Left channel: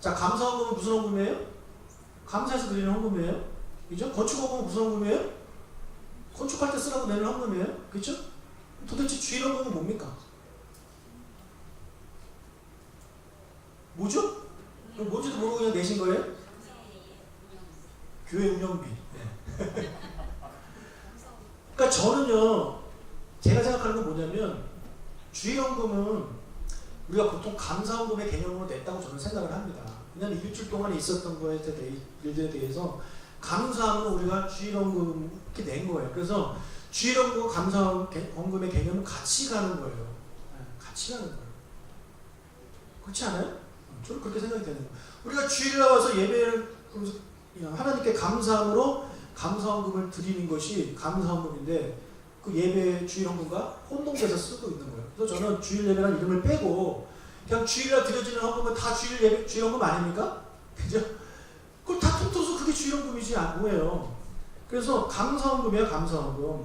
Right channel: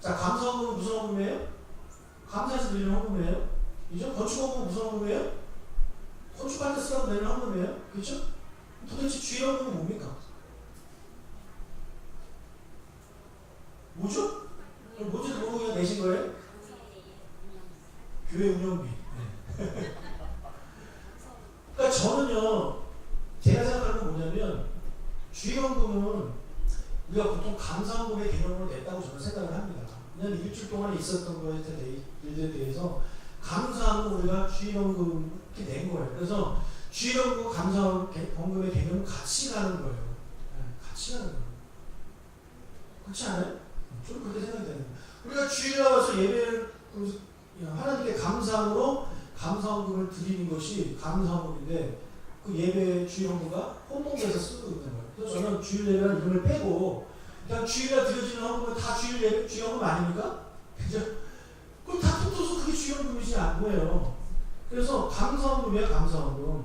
자, 감사 헌금은 무슨 헌금이에요? 감사해서 드리는 헌금이에요. 그죠? 건축 헌금은 무슨 헌금이에요? 건축할 때 쓰라고 내는 헌금이에요. 그죠? 도대체 주일 헌금은 뭡니까? 뭐죠? 뭔지도 모르고 그냥 내신 거예요? 교회 운영비. 네. 그러니까 저는요, 제가 생각하는 건 뭐냐면, 주일헌금은 우리가 보통 감사헌금의 개념으로 냈다고 저는 생각을 합니다. 왜냐하면 일주일 동안 있었던 거에 대해, 대해서 감사하면 우리가 주일헌금 이렇게 낸 거예요. 그래서 주일헌금, 감사헌금의 개념은 같이 가는 거예요. 네, 같이 가는 거예요. 그렇지 않아요? 저는 그렇게 생각이 되는 거예요. 우리가 주일에 와서 예배를 하나님께 감사함으로 감사헌금을 드리는 것이 감사헌금인데 그 예배 주일헌금과 혼동돼서 쓰고 있는 거예요. 그래서 저는 주일 예배라는 이름을 빼고 그냥 주일에 드려지는 헌금은 다 주일 예배, 주일헌금 아닙니까? 그죠? 그걸 다 통틀어서 그게 주일헌금이지 않고요. 그래서 감사헌금이야 감사헌금.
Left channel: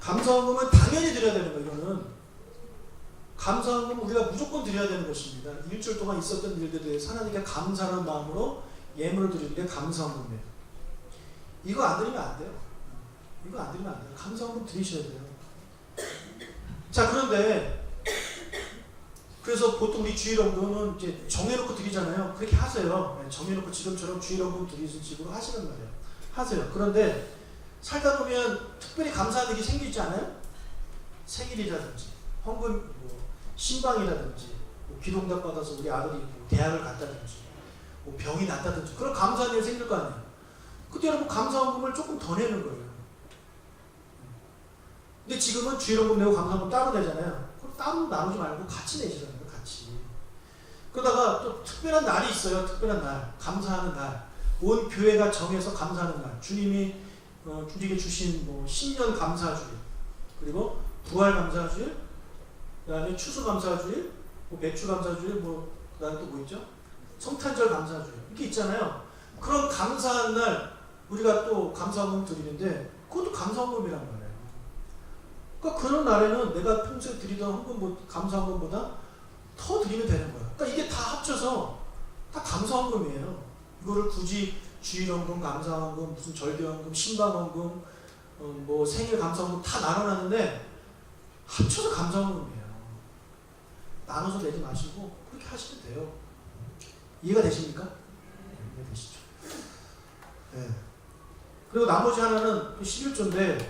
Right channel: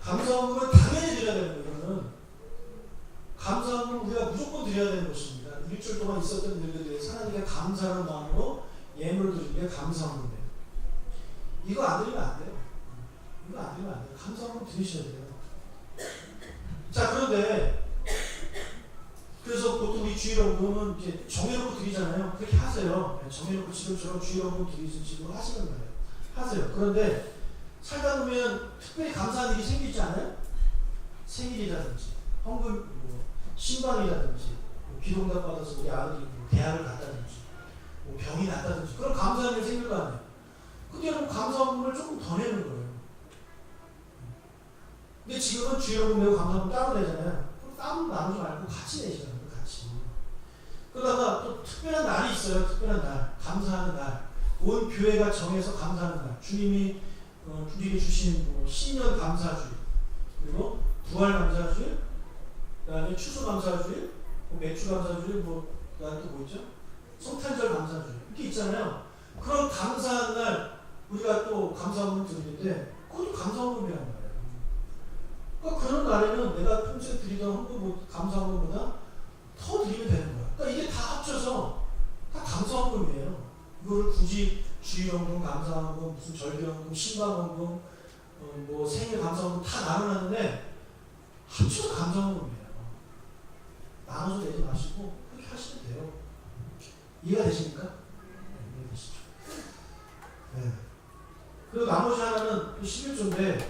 감사헌금은 당연히 드려야 되는 거예요. 이거는 감사헌금 우리가 무조건 드려야 되는 것입니다. 일주일 동안 있었던 일들에 대해서 하나님께 감사하는 마음으로 예물을 드리는 게 감사헌금이에요. 이거 안 드리면 안 돼요. 이거 안 드리면 안 돼요. 감사헌금 드리셔야 돼요. 자 그런데 그래서 보통 우리 주일헌금은 이제 정해놓고 드리잖아요. 그렇게 하세요. 네, 정해놓고 지금처럼 주일헌금 드리는 식으로 하시는 거예요. 하세요. 그런데 살다 보면 특별히 감사한 일이 생기지 않아요? 생일이라든지 헌금 뭐 신방이라든지 뭐 기동답 받아서 우리 아들이 뭐 대학을 갔다든지 뭐 병이 났다든지 그런 감사한 일이 생길 거 아니에요. 그때는 감사헌금을 조금 더 내는 거예요. 근데 지금은 주일헌금 내고 감사헌금 따로 내잖아요. 따로 나누지 말고 같이 내시라는 거예요. 같이. 그러다가 또 특별한 날이 있어요. 특별한 날. 감사하는 날. 온 교회가 정해서 감사하는 날. 주님이 어, 우리에게 주신 뭐 신년 감사주일 그리고 부활 감사주일 그다음에 추수 감사주일 뭐 매출 감사주일 뭐 그다음에 또뭐 있죠? 성탄절 감사주일 이렇게 있잖아요. 그런 감사한 날 우리가 또 감사헌금을 드리는데 그것도 감사헌금이란 말이에요. 그러니까 그런 날에는 내가 평소에 드리던 헌금 뭐 감사헌금보다 더 드리면 되는 거야. 그러니까 이게 다 합쳐서 다 감사헌금이에요. 이거를 굳이 주일헌금, 감사헌금, 무슨 절개헌금, 신방헌금, 어, 뭐 생일 감사헌금 다 나눠놨는데 합쳐서 감사헌금이에요. 나눠서 내지 마시고 그렇게 하시면 돼요. 이해가 되십니까? 네, 이해되시죠? 네. 그리고 나머지 하나는 11조인데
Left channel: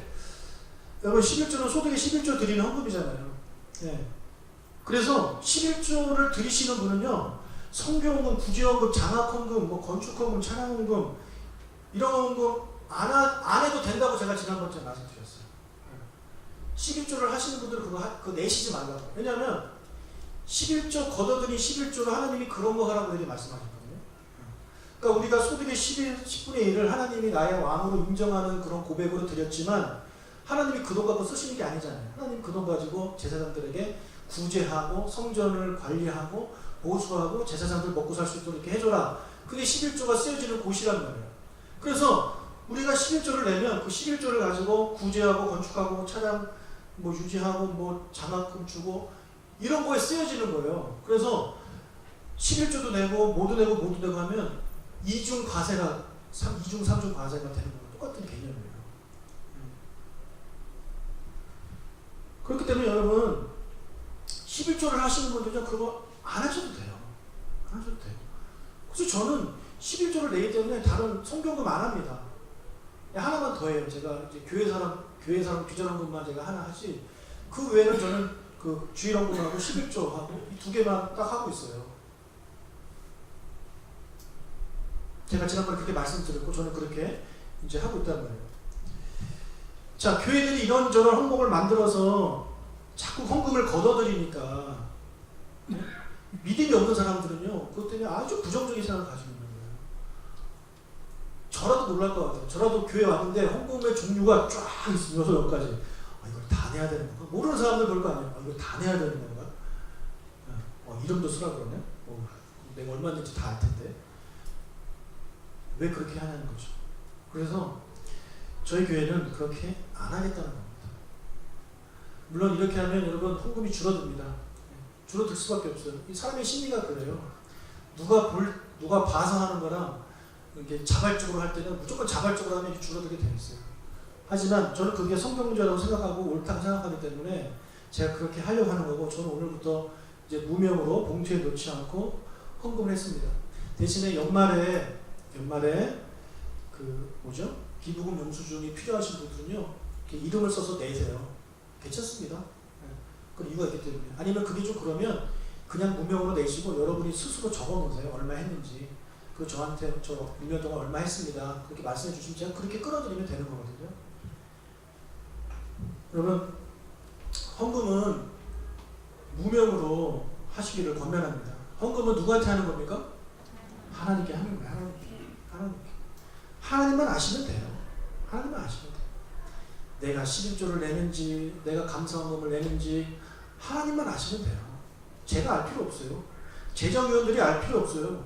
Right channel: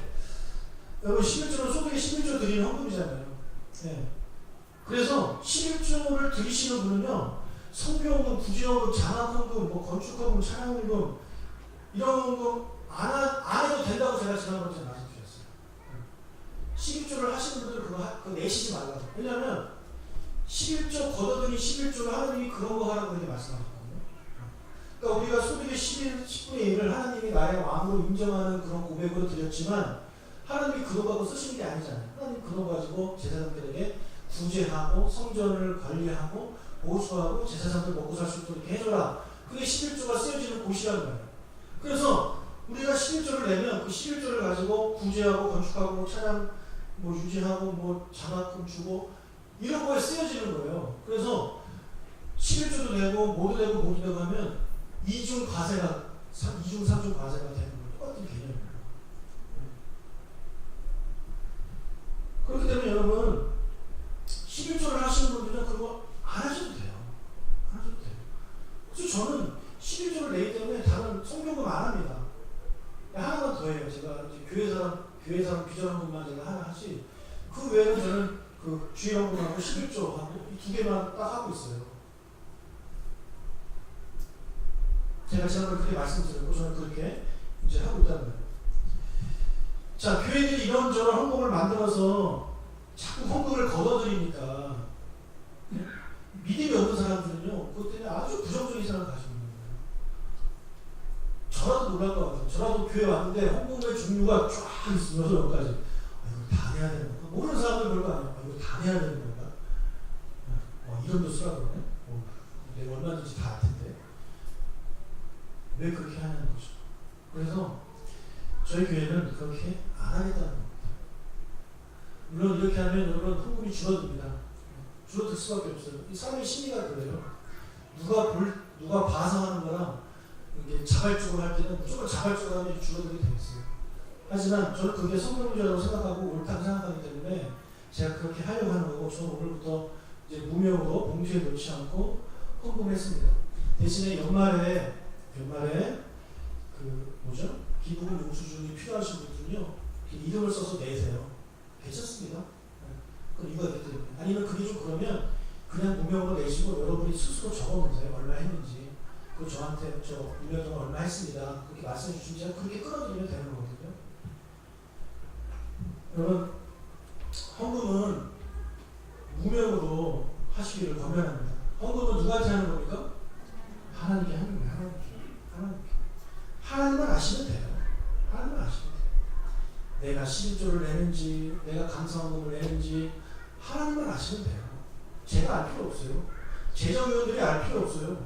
여러분 11조는 소득의 11조 드리는 헌금이잖아요. 네. 그래서 11조를 드리시는 분은요. 성교헌금, 구제헌금, 장학헌금, 뭐 건축헌금, 찬양헌금 이런 헌금 안, 해도 된다고 제가 지난번에 말씀드렸어요. 11조를 하시는 분들은 그거, 하, 그거 내시지 말라고. 왜냐하면 11조 걷어들인 11조를 하나님이 그런 거 하라고 이렇게 말씀하셨거든요. 그러니까 우리가 소득의 11, 10분의 1을 하나님이 나의 왕으로 인정하는 그런 고백으로 드렸지만 하나님이 그 돈 갖고 쓰시는 게 아니잖아요. 하나님 그 돈 가지고 제사장들에게 구제하고 성전을 관리하고 보수하고 제사장들 먹고 살 수 있도록 이렇게 해줘라. 그게 11조가 쓰여지는 곳이란 말이에요. 그래서 우리가 11조를 내면 그 11조를 가지고 구제하고 건축하고 차량 뭐 유지하고 뭐 장학금 주고 이런 거에 쓰여지는 거예요. 그래서 11조도 내고 모두 내고 모두 내고 하면 이중 과세가 3, 이중 삼중 과세가 되는 거 똑같은 개념이에요. 그렇기 때문에 여러분 11조를 하시는 분들은 그거 안 하셔도 돼요. 안 하셔도 돼요. 그래서 저는 11조를 내기 때문에 다른 성경금 안 합니다. 하나만 더 해요. 제가 교회 사람, 교회 사람 비전한 것만 제가 하나 하지. 그 외에는 저는 그 주일헌금하고 11조 하고 이 두 개만 딱 하고 있어요. 제가 지난번에 그렇게 말씀드렸고 저는 그렇게 이제 하고 있단 말이에요. 자, 교회들이 이런저런 헌금을 만들어서 자꾸 헌금을 걷어들이니까 믿음이 없는 사람들은요, 그것 때문에 아주 부정적인 생각을 가지고 있는 거예요. 저라도 놀랄 것 같아요. 저라도 교회 왔는데 헌금의 종류가 쫙 있으면서 여기까지. 아, 이걸 다 내야 되는 건가? 모르는 사람들 볼 거 아니에요. 아, 이걸 다 내야 되는 건가? 어, 이름도 쓰라 그러네? 어, 내가 얼마든지 다할 텐데. 왜 그렇게 하냐는 거죠. 그래서 저희 교회는 그렇게 안 하겠다는 겁니다. 물론 이렇게 하면 여러분 헌금이 줄어듭니다. 줄어들 수밖에 없어요. 이 사람의 심리가 그래요. 누가 볼 누가 봐서 하는 거랑 자발적으로 할 때는 무조건 자발적으로 하면 줄어들게 돼 있어요. 하지만 저는 그게 성경문제라고 생각하고 옳다고 생각하기 때문에 제가 그렇게 하려고 하는 거고 저는 오늘부터 이제 무명으로 봉투에 넣지 않고 헌금을 했습니다. 대신에 연말에 연말에 그 뭐죠? 기부금 영수증이 필요하신 분들은요 이렇게 이름을 써서 내세요. 괜찮습니다. 네. 그 이유가 있기 때문에 아니면 그게 좀 그러면 그냥 무명으로 내시고 여러분이 스스로 적어놓으세요. 얼마 했는지. 그 저한테 저 1년 동안 얼마 했습니다. 그렇게 말씀해 주시면 제가 그렇게 끌어들이면 되는 거거든요. 여러분 헌금은 무명으로 하시기를 권면합니다. 헌금은 누구한테 하는 겁니까? 하나님께 하는 거예요. 하나님께. 하나님께. 하나님만 아시면 돼요. 하나님만 아시면 돼요. 내가 11조를 내는지, 내가 감사헌금을 내는지 하나님만 아시면 돼요. 제가 알 필요 없어요. 재정위원들이 알 필요 없어요.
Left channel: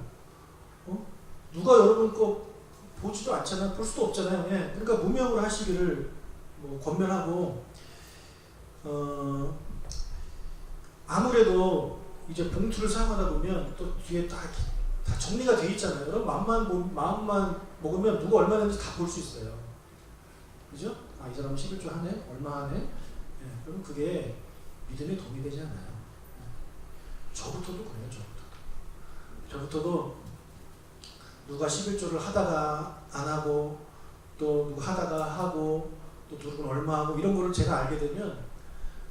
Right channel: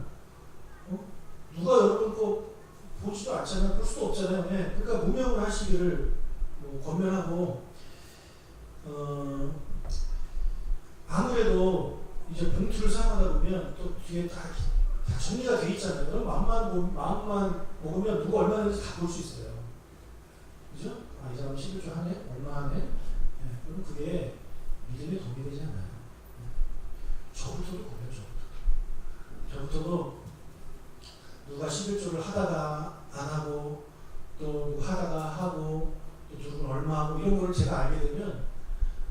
어? 누가 여러분 거 보지도 않잖아요. 볼 수도 없잖아요. 예. 그러니까 무명을 하시기를 뭐 권면하고 어, 아무래도 이제 봉투를 사용하다 보면 또 뒤에 다, 다 정리가 돼 있잖아요. 그럼 마음만, 보- 마음만 먹으면 누가 얼마 냈는지 다 볼 수 있어요. 그죠? 아, 이 사람 11조 하네? 얼마 하네? 예, 그럼 그게 믿음에 도움이 되지 않아요. 예. 저부터도 그래요, 저부터. 저부터도 누가 11조를 하다가 안 하고 또 누가 하다가 하고 또 누구는 얼마 하고 이런 거를 제가 알게 되면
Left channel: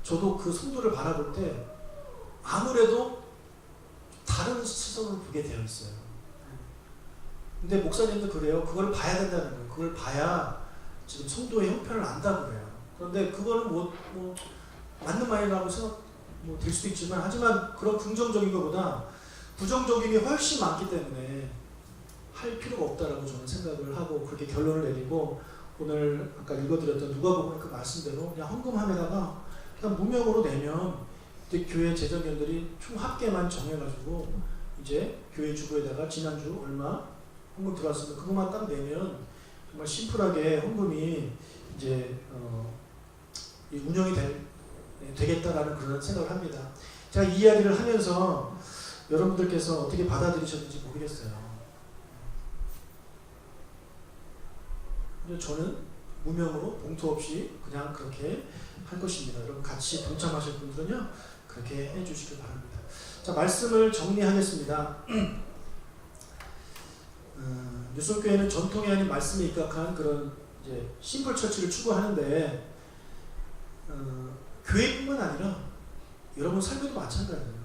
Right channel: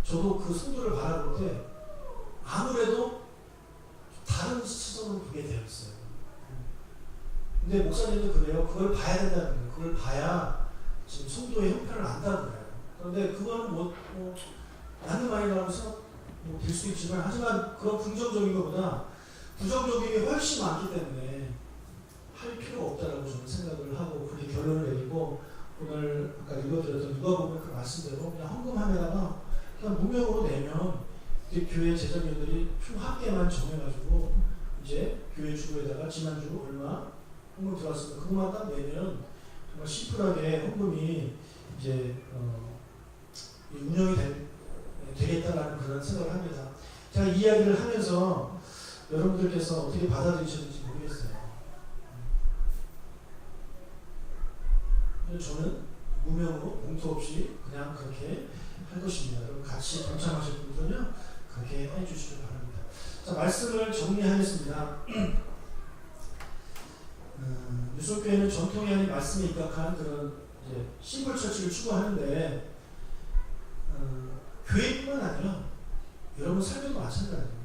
저도 그 성도를 바라볼 때 아무래도 다른 시선을 보게 되어 있어요. 근데 목사님도 그래요. 그걸 봐야 된다는 거예요. 그걸 봐야 지금 성도의 형편을 안다고 그래요. 그런데 그거는 뭐, 뭐 맞는 말이라고 생각 뭐될 수도 있지만 하지만 그런 긍정적인 것보다 부정적인 게 훨씬 많기 때문에 할 필요가 없다라고 저는 생각을 하고 그렇게 결론을 내리고 오늘 아까 읽어드렸던 누가 보면 그 말씀대로 그냥 헌금함에다가 그냥 무명으로 내면 이제 교회 재정연들이 총 합계만 정해가지고 이제 교회 주부에다가 지난주 얼마 헌금 들어왔으면 그것만 딱 내면 정말 심플하게 헌금이 이제 어, 이 운영이 되, 되겠다라는 그런 생각을 합니다. 제가 이 이야기를 하면서 여러분들께서 어떻게 받아들이셨는지 모르겠어요. 저는 무명으로 봉투 없이 그냥 그렇게 할 것입니다. 여러분 같이 동참하실 분들은요 그렇게 해주시길 바랍니다. 자 말씀을 정리하겠습니다. 음, 유속교회는 전통이 아닌 말씀에 입각한 그런 이제 심플 처치를 추구하는데 어, 교회뿐만 아니라 여러분 삶에도 마찬가지예요.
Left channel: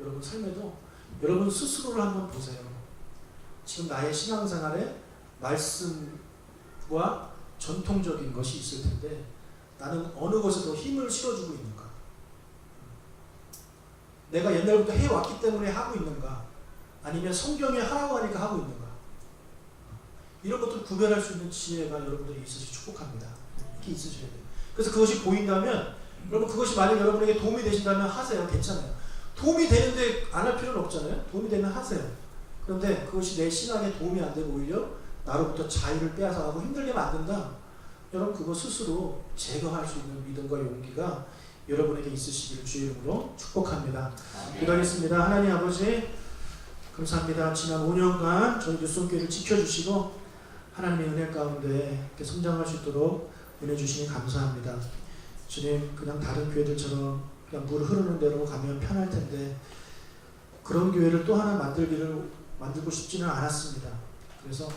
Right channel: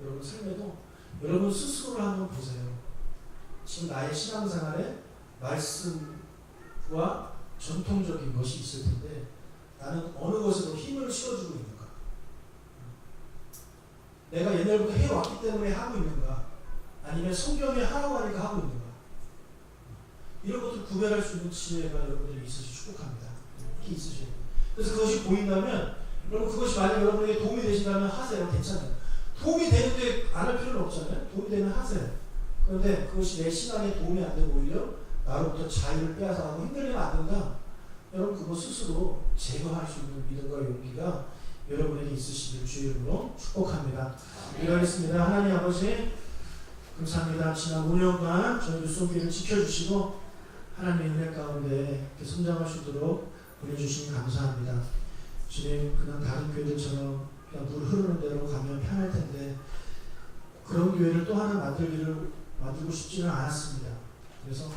여러분 삶에도 여러분 스스로를 한번 보세요. 지금 나의 신앙생활에 말씀과 전통적인 것이 있을 텐데 나는 어느 것에도 힘을 실어주고 있는가? 내가 옛날부터 해왔기 때문에 하고 있는가? 아니면 성경에 하라고 하니까 하고 있는가? 이런 것들 구별할 수 있는 지혜가 여러분들이 있으시 축복합니다. 이렇게 있으셔야 돼요. 그래서 그것이 보인다면 여러분 그것이 만약 여러분에게 도움이 되신다면 하세요. 괜찮아요. 도움이 되는데 안 할 필요는 없잖아요. 도움이 되면 하세요. 그런데 그것이 내 신앙에 도움이 안 되고 오히려 나로부터 자유를 빼앗아 가고 힘들게 만든다. 여러분 그거 스스로 제거할 수 있는 믿음과 용기가 여러분에게 있으시길 주의 이름으로 축복합니다. 기도하겠습니다. 하나님 아버지 감사합니다. 지난 5년간 저희 뉴스교회를 지켜주시고 하나님의 은혜 가운데 성장할 수 있도록 은혜 주시니 감사합니다. 주님 그냥 다른 교회들처럼 그냥 물 흐르는 대로 가면 편할 텐데 그런 교회를 또 하나 만들기를 만들고 싶지는 않았습니다. 그래서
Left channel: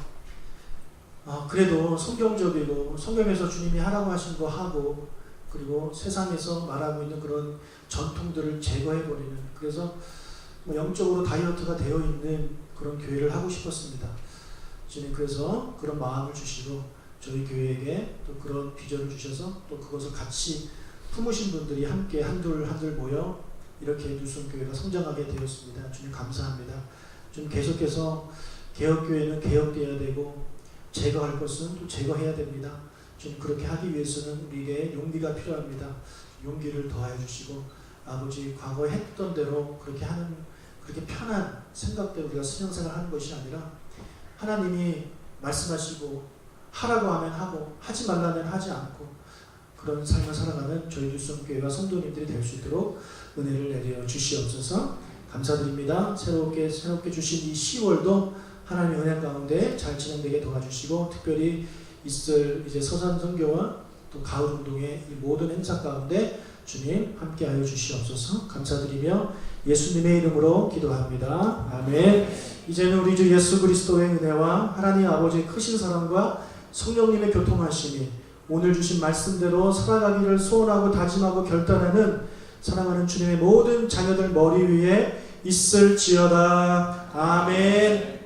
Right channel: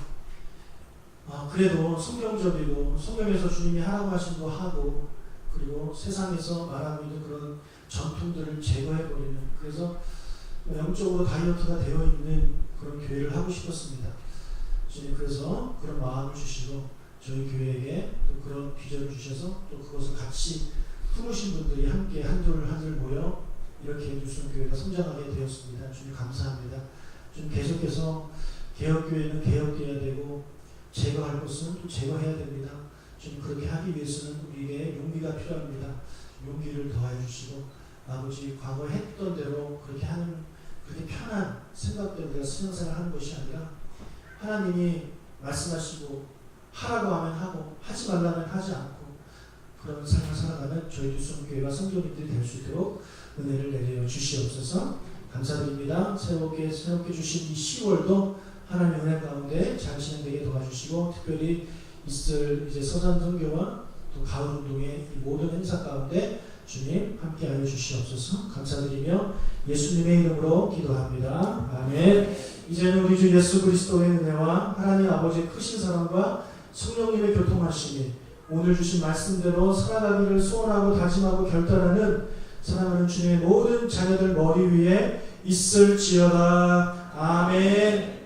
아, 그래도 성경적이고 성경에서 주님이 하라고 하신 거 하고 그리고 세상에서 말하고 있는 그런 전통들을 제거해버리는 그래서 뭐 영적으로 다이어트가 되어 있는 그런 교회를 하고 싶었습니다. 주님 그래서 그런 마음을 주시고 저희 교회에게 또 그런 비전을 주셔서 또 그것을 같이 품으신 분들이 함께 한둘 한둘 모여 이렇게 뉴스 교회가 성장하게 되었습니다. 주님 감사합니다. 좀 계속해서 개혁교회는 개혁돼야 되고 제거할 것은 또 제거해야 됩니다. 좀 그렇게 하기 위해서는 우리에게 용기가 필요합니다. 용기를 더해 주시고 아버지 과거에 했던 대로 그렇게 하는 그렇게 편한 생각대로 우리가 신앙생활 하는 것이 아니라 하나님이 말씀하시고 하라고 하면 하고 하지 말라면 하지 않고 그런 삶을 살아가는 저희 뉴스교회가 성도님들이 될 수 있도록 은혜를 내려 주시옵소서 감사드립니다. 새롭게 새롭게 주신 이 10월도 하나님의 은혜 가운데 잘 진행되게 도와주시고 특별히 있을 이제 서산 선교와 또 가을 운동의 이 모든 행사 가운데 주님 함께 하여 주시옵소서 감사드리며 예수님의 이름으로 기도합니다. 아멘. 이제는 우리 주 예수 그리스도의 은혜와 하나님 아버지의 크신 사랑과 성령님의 교통하심이 오늘 주신 말씀대로 살아가기를 소원하고 다짐하고 결단하는 사랑하는 주님의 모든 자녀들 머리 위에 있을지어다. 아멘.